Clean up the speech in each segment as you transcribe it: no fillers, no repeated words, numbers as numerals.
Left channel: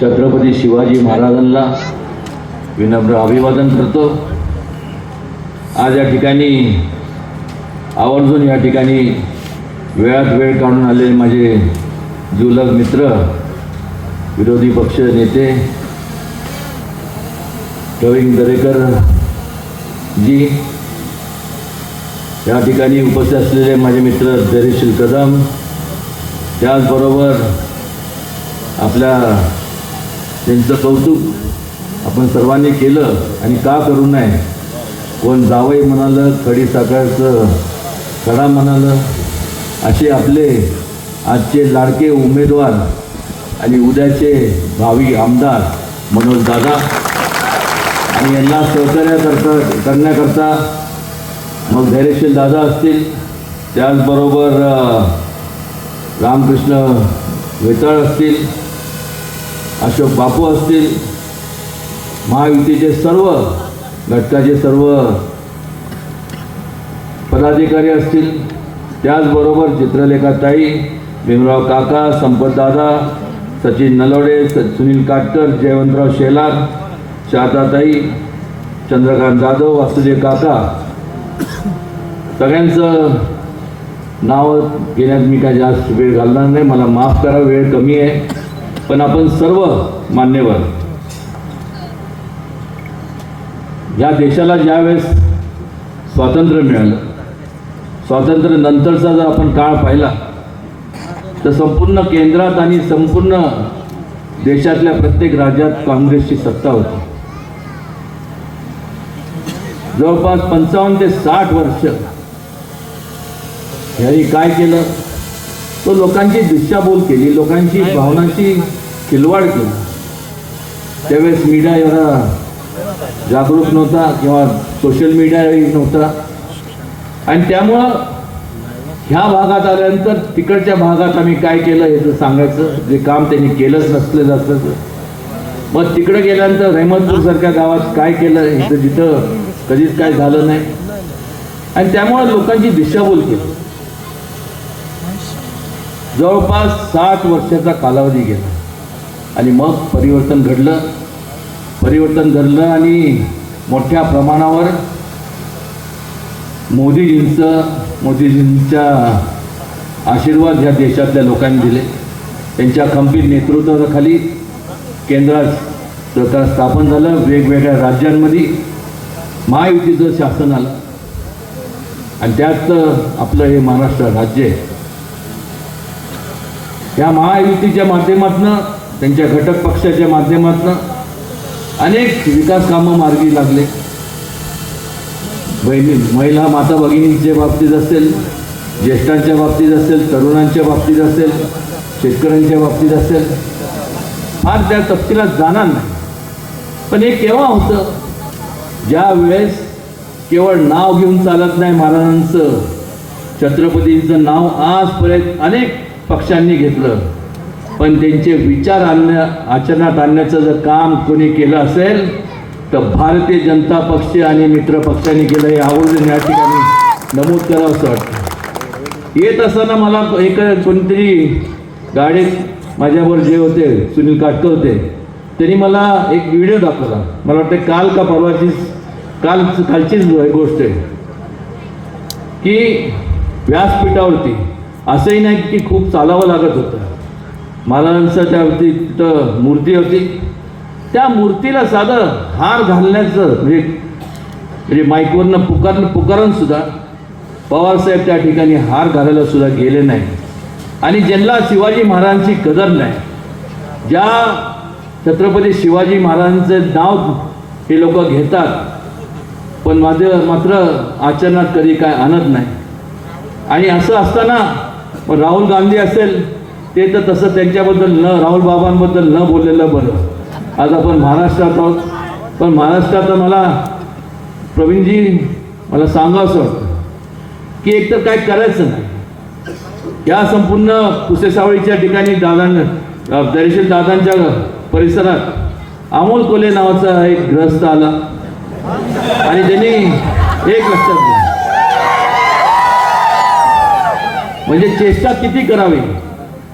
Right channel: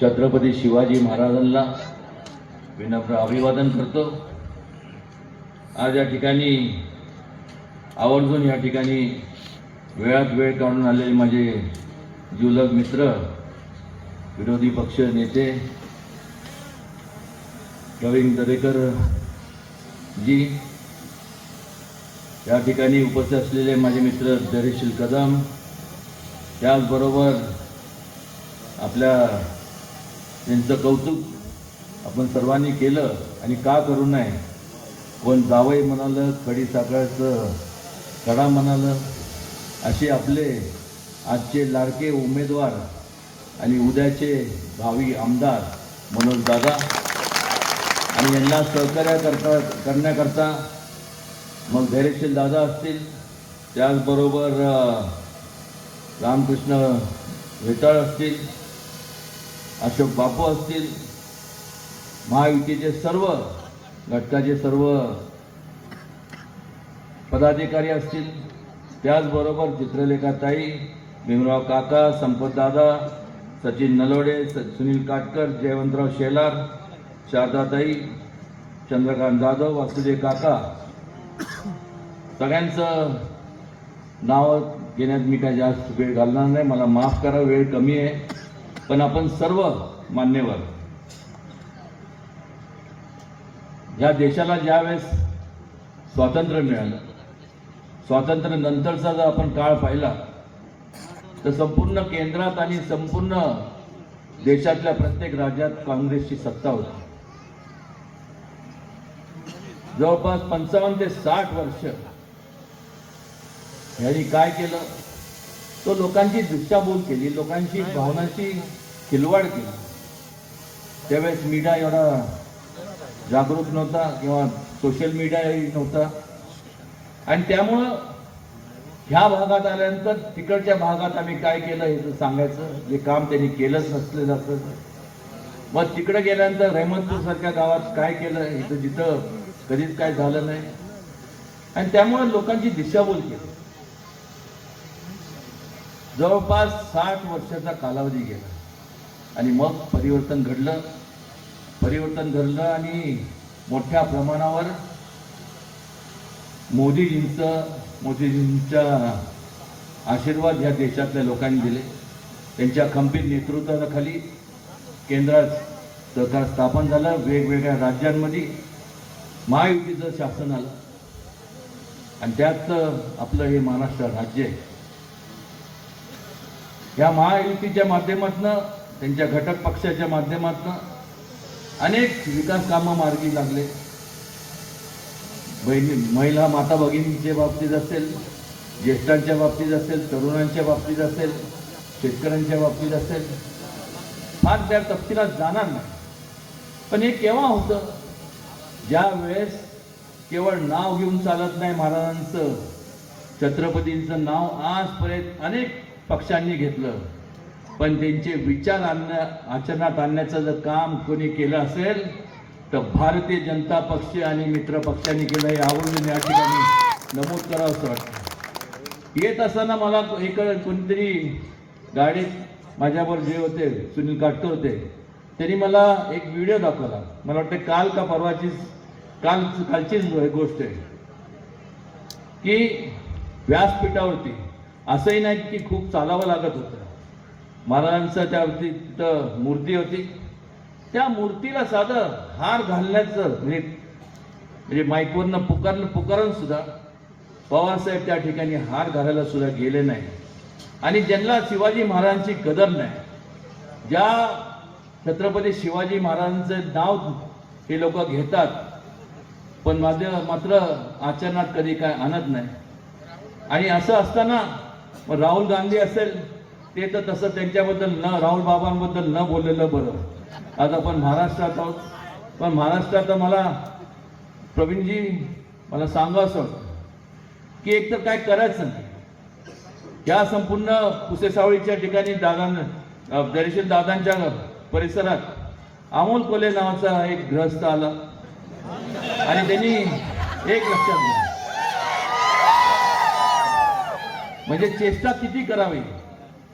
छत्रपती शिवाजी महाराजांना विनम्र अभिवादन करतो। आज या ठिकाणी आवर्जून या ठिकाणी वेळात वेळ काढून आलेले माझे जुलग मित्र, विरोधी पक्ष नेते प्रवीण दरेकर जी, या ठिकाणी उपस्थित असलेले माझे मित्र धैर्यशील कदम, त्याचबरोबर आपल्या त्यांचं कौतुक आपण सर्वांनी केलं आणि का करू नये। कोण जावई म्हणालं, खडी साखरेचं कडा म्हणालं, असे आपले आजचे लाडके उमेदवार आणि उद्याचे भावी आमदार मनोज दादा आणि यांना सहकार्य करण्याकरता मग धैर्यशील दादा असतील, त्याचबरोबर रामकृष्ण वेताळ असतील, अशोक बापू असतील, महायुतीचे सर्व घटकाचे सर्व पदाधिकारी असतील, त्याचबरोबर चित्रलेखाताई, भीमराव काका, संपतदादा, सचिन नलवडे, सुनील काटकर, जयवंतराव शेलार, शारदाताई, चंद्रकांत जाधव, वासुदेव काका, सगळ्यांचं नाव घेण्यात मी काय जास्त वेळ घालणार नाही, मला माफ करा, वेळ कमी आहे। पण आपण सर्व मान्यवर या देशाला ज्यावेळेस स्वातंत्र्य मिळालं, स्वातंत्र्य नंतरचा जर आपण काळ पाहिला तर संपूर्ण केंद्रात आणि संपूर्ण देशातल्या प्रत्येक राज्यात काँग्रेसची सत्ता होती। जवळपास 55 ते 60 वर्ष यांनी काय केलं, तो लोकांची दिशाभूल केली, लोकांची भावनांची खिलवाड केली। त्यावेळेस मीडिया एवढा जागरूक नव्हता किंवा सोशल मीडियाही नव्हता आणि त्यामुळं ह्या भागात आल्यानंतर तिकडच्या भागात आम्ही काय केलं हे तर सांगायचं, जे काम त्यांनी केलंच नसलं जातं। मग तिकडे गेल्यानंतर रहमतपूरसारख्या गावात काय केलं हे तर जिथं कधीच काय झालं नाही आणि त्यामुळं लोकांची दिशाभूल केली। जवळपास 60 वर्षाचा कालावधी गेला आणि मग परिवर्तन घडलं आणि मोठ्या प्रमाणावर मोदीजींच्या आशीर्वाद ह्या देशातल्या लोकांनी दिले। त्यांच्या खंबीर नेतृत्वाखाली केंद्रात सरकार स्थापन झालं, वेगवेगळ्या राज्यांमध्ये महायुतीचं शासन आलं आणि त्यात आपलं हे महाराष्ट्र राज्य आहे। या महायुतीच्या माध्यमातून, त्यांच्या घटक पक्षाच्या माध्यमातून अनेक विकास कामं मार्गी लागले। महिला माता भगिनींच्या बाबतीत असेल, ज्येष्ठांच्या बाबतीत असेल, तरुणांच्या बाबतीत असेल, शेतकऱ्यांच्या बाबतीत असेल, फार त्या तपशिलात जाणार नाही। पण हे केव्हा होतं, ज्या वेळेस केवळ नाव घेऊन चालत नाही महाराजांचं, छत्रपतींचं नाव आजपर्यंत अनेक पक्षांनी घेतलं, पण त्यांचे विचार आचरणात आणण्याचं जर काम कोणी केलं असेल तर भारतीय जनता पक्ष आणि मित्र पक्षांनी केलं, हे आवर्जून या ठिकाणी नमूद करावं असं वाटतं। येत असताना मला कोणीतरी गाडीत माझ्यावर जे होते सुनील काटकर होते, त्यांनी मला एक व्हिडिओ दाखवला, मला वाटतं काल का कालचीच गोष्ट आहे की व्यासपीठावरती असंही नाही की खूप चालावं लागत होतं, महाराजांचं त्यावरती तिथं मूर्ती होती, त्या मूर्तीला साधं हार घालण्याचं म्हणजे माईकवरनं पुकारून सुद्धा पवारसाहेब त्या ठिकाणी हार घालायला सुद्धा गेले नाही। आणि ज्यांना शिवाजी महाराजांची कदर नाही, ज्या छत्रपती शिवाजी महाराजांचं नाव हे लोक घेतात पण मात्र आचरणात कधी काय आणत नाही। आणि असं असताना राहुल गांधी असेल ते तर तसं त्यांच्याबद्दल राहुल बाबांबद्दल न बोललेलं बरं। आज आपण महाराष्ट्रात आहोत, पण महाराष्ट्रात मला प्रवीणजी मला सांगावंसं वाटतं की एकतर काय करायचं नाही। या संपूर्ण पुसेसावळीच्या ठिकाणी धैर्यशील दादांच्या परिसरात अमोल कोले नावाचा एक ग्रस्त आला आणि त्यांनी एक लक्षात घ्या, म्हणजे चेष्टा किती करावी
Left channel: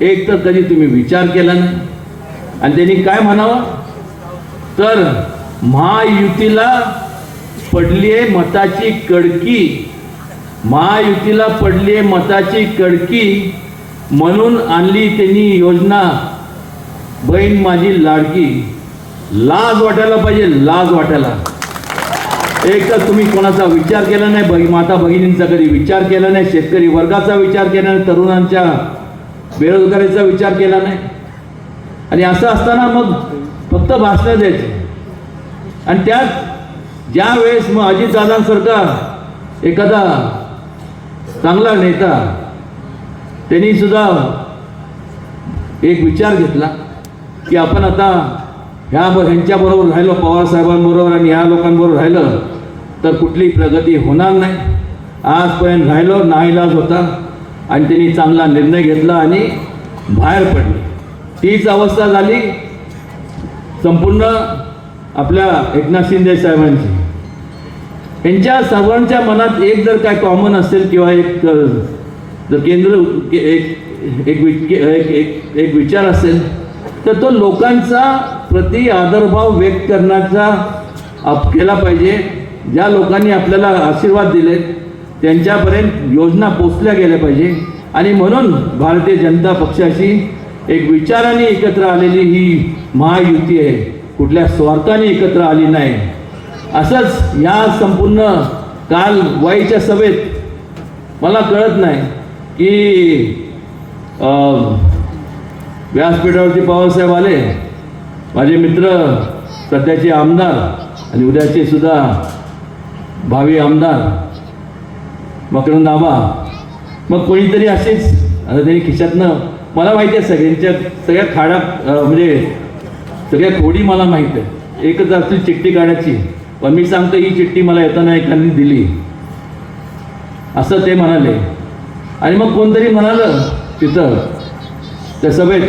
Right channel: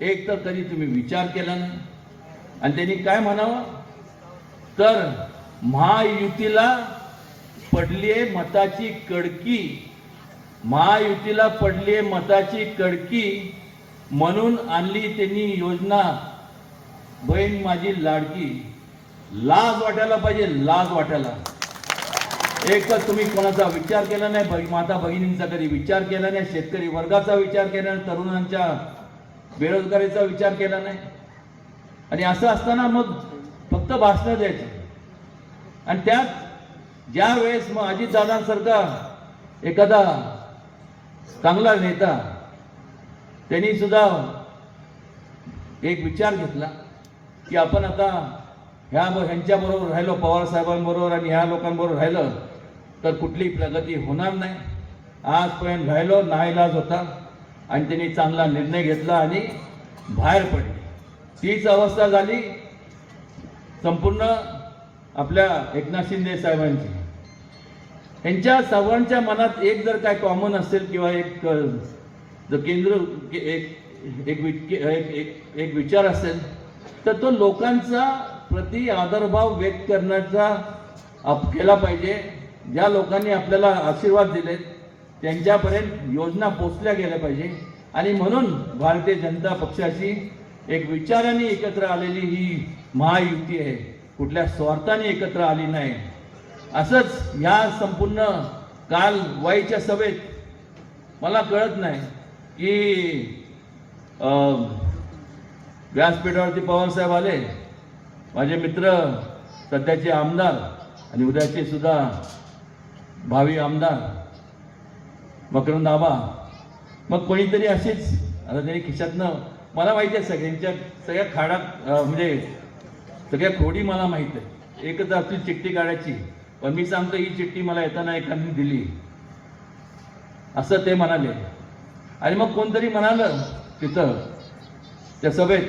एक तर कधी तुम्ही विचार केला नाही, आणि त्यांनी काय म्हणावं तर महायुतीला पडलीये मताची कडकी, महायुतीला पडलीये मताची कडकी, म्हणून आणली त्यांनी योजना बहीण माझी लाडकी. लाज वाटायला पाहिजे, लाज वाटायला. एक तर तुम्ही कोणाचा विचार केला नाही, माता भगिनींचा कधी विचार केला नाही, शेतकरी वर्गाचा विचार केला नाही, तरुणांच्या बेरोजगारीचा विचार केला नाही. आणि असं असताना मग फक्त भाषण द्यायचे. आणि त्यात ज्या वेळेस मग अजितदादांसारखा एखादा चांगला नेता त्यांनी सुद्धा एक विचार घेतला की आपण आता ह्यांच्याबरोबर राहिलो, पवार साहेबांबरोबर आणि ह्या लोकांबरोबर राहिलं तर कुठली प्रगती होणार नाही. आजपर्यंत राहिलो, नाईलाज होता आणि त्यांनी चांगला निर्णय घेतला आणि बाहेर पडले. तीच अवस्था झाली संपूर्ण आपल्या एकनाथ शिंदे साहेबांची. यांच्या सर्वांच्या मनात एक जर काय कॉमन असेल किंवा एक जर केंद्र एक विचार असेल तर तो लोकांचा प्रति आदरभाव व्यक्त करण्याचा केला पाहिजे. ज्या लोकांनी आपल्याला आशीर्वाद दिले त्यांच्यापर्यंत योजना पोचल्या गेल्या पाहिजे. आणि म्हणून भारतीय जनता पक्षाशी एक विचाराने एकत्र आलेली ही महायुती आहे, कुठल्या स्वार्थाने एकत्र आली नाही. असंच या संपूर्ण काल वाईच्या सभेत मला कळत नाही की व्यासपीठावरती पवारसाहेब आले, माझे मित्र सध्याचे आमदार आणि उद्याचे सुद्धा भावी आमदार मकरंद आबा, मग कोणीतरी असेच आता त्यांनी खिशातनं, मला माहिती आहे सगळ्या खाडा म्हणजे सगळ्या खोडी मला माहीत आहे, एकच असली चिठ्ठी काढायची, पण मी सांगतो ही चिठ्ठी मला येताना एकाने दिली असं ते म्हणाले. आणि मग कोणतरी म्हणालं तिथं त्या सभेत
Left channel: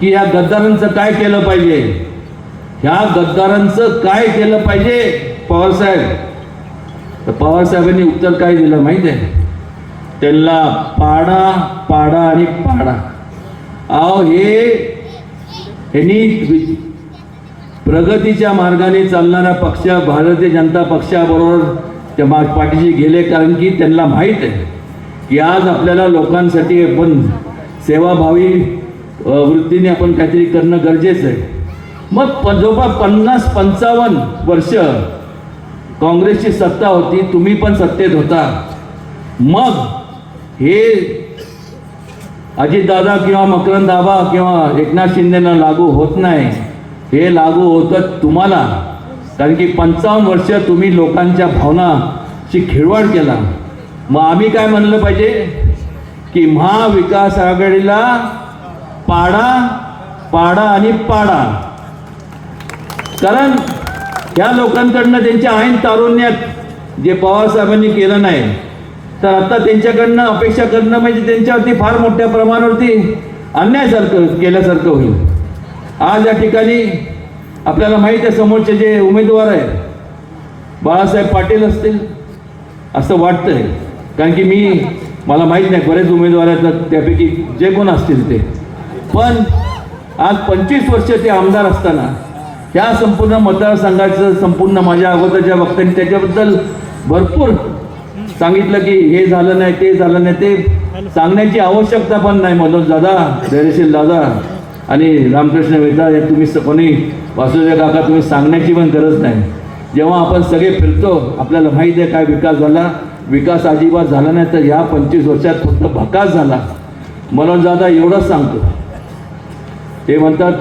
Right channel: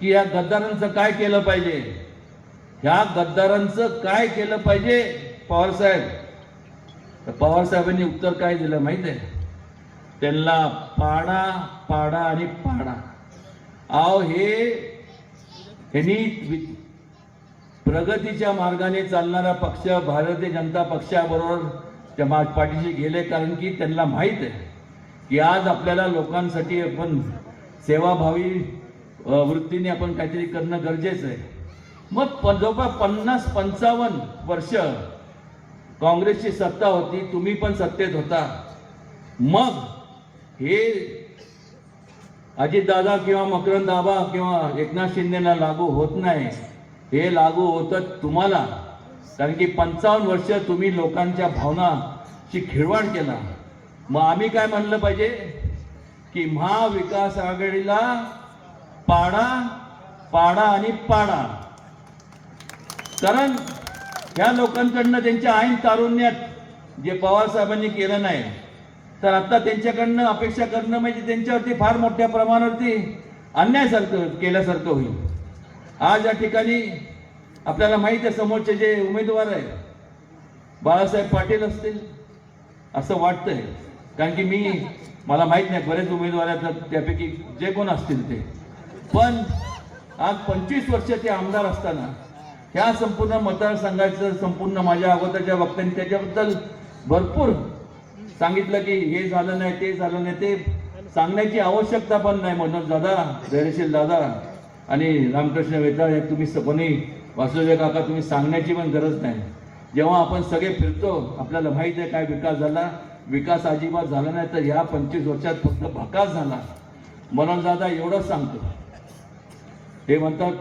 की ह्या गद्दारांचं काय केलं पाहिजे, ह्या गद्दारांचं काय केलं पाहिजे पवारसाहेब. तर पवारसाहेबांनी उत्तर काय दिलं माहीत आहे, त्यांना पाडा पाडा आणि पाडा. अहो ह्यांनी प्रगतीच्या मार्गाने चालणारा पक्ष भारतीय जनता पक्षाबरोबर त्या पाठीशी गेले, कारण की त्यांना माहीत आहे की आज आपल्याला लोकांसाठी आपण सेवाभावी वृत्तीने आपण काहीतरी करणं गरजेचं आहे. मग जवळपास 50-55 वर्ष काँग्रेसची सत्ता होती, तुम्ही पण सत्तेत होता. मग हे अजितदादा किंवा मकरंद आबा किंवा एकनाथ शिंदेना लागू होत नाही, हे लागू होतं तुम्हाला, कारण की 55 वर्ष तुम्ही लोकांच्या भावनाची खिळवाड केला. मग आम्ही काय म्हणलं पाहिजे की महाविकास आघाडीला पाडा पाडा आणि पाडा. कारण ह्या लोकांकडनं त्यांच्या ऐन तारुण्यात जे पवारसाहेबांनी केलं नाही, तर आता त्यांच्याकडनं अपेक्षा करणं म्हणजे त्यांच्यावरती फार मोठ्या प्रमाणावरती अन्यायसारखं केल्यासारखं होईल. आज या ठिकाणी आपल्याला माहीत आहे समोरचे जे उमेदवार आहेत बाळासाहेब पाटील असतील असं वाटतंय, कारण की मला माहीत नाही बरेच उमेदवार आहेत त्यापैकी जे कोण असतील ते, पण आज 25 वर्ष ते आमदार असताना ह्या संपूर्ण मतदारसंघाचं संपूर्ण माझ्या अगोदरच्या वक्त्यांनी त्याच्याबद्दल भरपूर सांगितलं की हे झालं नाही ते झालं नाही, ते सांगण्याची आवश्यकता पण नाही. मनोज दादा, धैर्यशील दादा आणि रामकृष्ण वेता हे तुम्ही कोणी वासुदेव काका तुम्ही सांगण्याची पण गरज नाही. जेव्हा आपण सगळे फिरतो आपल्याला माहीत आहे काय विकास झाला, विकास अजिबात झाला नाही, तर ह्या 25 वर्षात फक्त भकास झाला. मनोज दादा एवढंच सांगतो, ते म्हणतात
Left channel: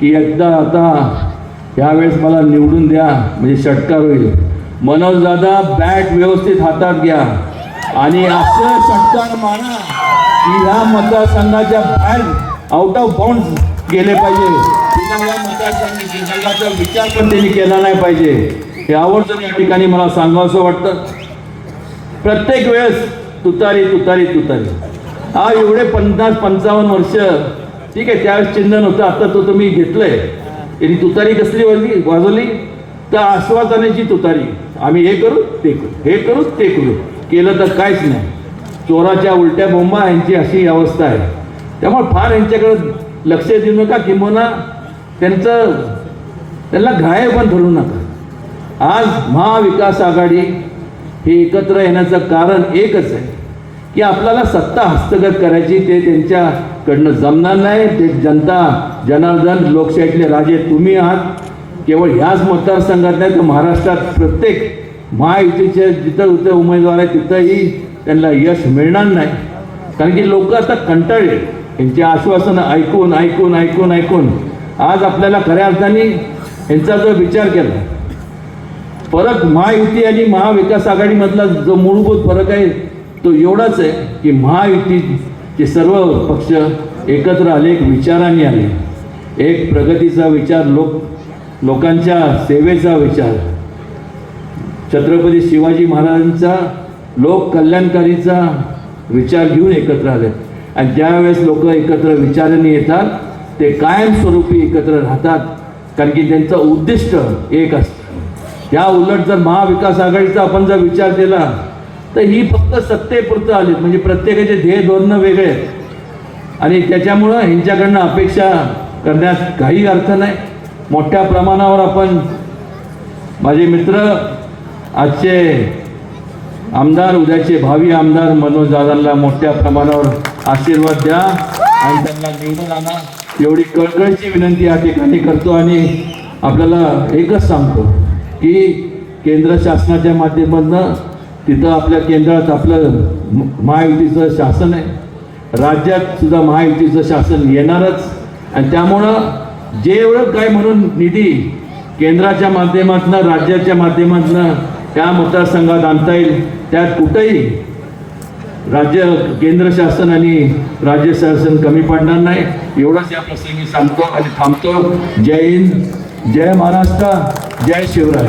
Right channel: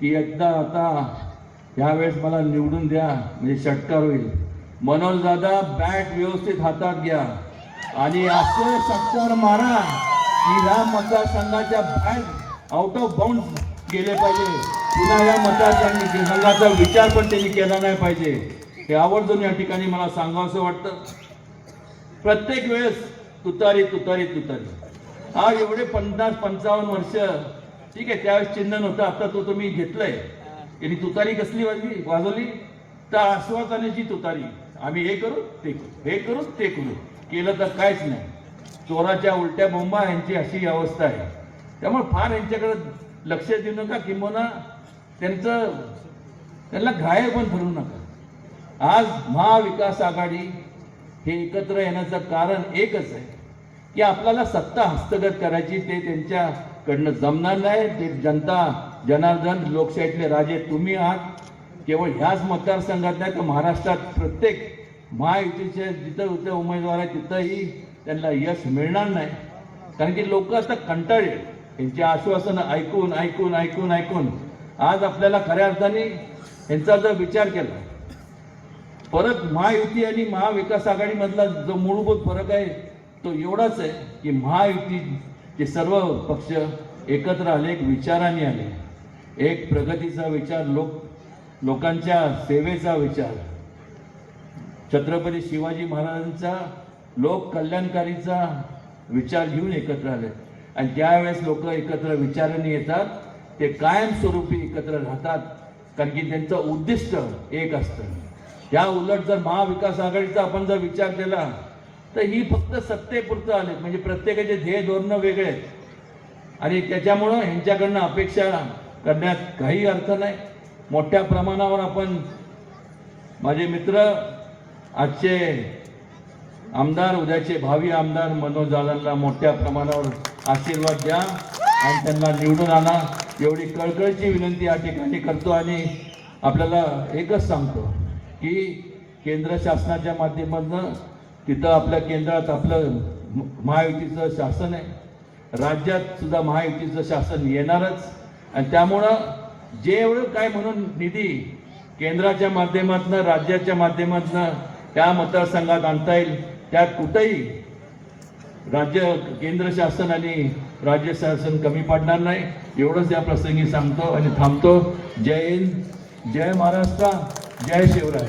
की एकदा आता ह्यावेळेस मला निवडून द्या म्हणजे षटकार होईल. मनोज दादा बॅट व्यवस्थित हातात घ्या आणि असं षटकार मारा की ह्या मतदारसंघाच्या बाहेर आउट ऑफ बाउंड गेले पाहिजे. पुन्हा या मतदारसंघाचा विचार पण त्यांनी केला नाही पाहिजे. हे आवर्जून या ठिकाणी मला सांगावंसं वाटतं. प्रत्येक वेळेस तुतारी तुतारी तुतारी. हा एवढे 50-55 वर्ष ठीक आहे, त्यावेळेस चिन्ह नव्हतं, आता तो तुम्ही घेतलंय. त्यांनी तुतारी कसली वाजवली तर आश्वासनाची तुतारी. आम्ही हे करू ते करू, हे करू ते करू, केलं तर काहीच नाही. चोराच्या उलट्या बोंबा यांची अशी अवस्था आहे. त्यामुळे फार यांच्याकडे लक्ष देऊ नका, किंबहुना त्यांना घायल पण ठरवू नका. आज महाविकास आघाडी हे एकत्र येण्याचं कारण एकच आहे की आपल्याला सत्ता हस्तगत करायची. ते त्यांच्याकडनं जमणार नाही. ते जनता जनार्दन लोकशाहीतले राजे तुम्ही आहात. केवळ ह्याच मतदारसंघात नाही तर महाराष्ट्रात प्रत्येक महायुतीचे जिथं उमेदवार आहे तिथंही त्यांना यश मिळणार नाही. कारण की लोक आता कंटाळले यांची आश्वासनं ऐकून ऐकून ऐकून ऐकून. आज आपल्याला खऱ्या अर्थाने यांचा जर विचार केला, परत महायुती आणि महाविकास आघाडीमधला जो मूलभूत फरक आहे तो एवढाच आहे की महायुतीचे सर्व पक्ष एकत्र आले, एक विचाराने आले, एक प्रगतीचा विचार, लोकांच्या सेवेचा विचार, छत्रपती शिवाजी महाराजांचा लोक कल्याणकारीचा विचार घेऊन एकत्र आले. आणि ज्यावेळेस लोक एकत्र विचाराने येतात ते कायमस्वरूपी एकत्र राहतात, कारण की त्यांचं उद्दिष्ट एक असतं. त्या उलट जर महाविकास आघाडीचा आपण जर विचार केला तर ही फक्त सत्तेपुरतं आलीत, म्हणजे प्रत्येकाचे ध्येय धोरणं वेगळे आहेत आणि त्याच्यामुळं ह्यांच्याकडनं अपेक्षा करण्यात काही अर्थ नाही. मोठ्या प्रमाणावर आपण माझे मित्र आजचे आमदार, उद्याचे भावी आमदार मनोज दादांना मोठ्या प्रमाणावर आशीर्वाद द्या आणि त्यांना निवडून आणा एवढी कळकळीची विनंती या ठिकाणी करतो. आणि आपल्याला एकच सांगतो की केंद्र शासनाच्या माध्यमातून तिथं आपल्या केंद्रात आपलं महायुतीचं शासन आहे, राज्यात सुद्धा महायुतीचं शासन येणारच. आणि त्यामुळं जे एवढं काय म्हणून निधी केंद्राच्या माध्यमातून, राज्याच्या माध्यमातून त्या मतदारसंघात आणता येईल त्यात कुठेही केंद्र शासन आणि राज्य शासन कमी पडणार नाही. एवढंच या प्रसंगी सांगतो आणि थांबतो. जय हिंद, जय महाराष्ट्र, जय शिवराय.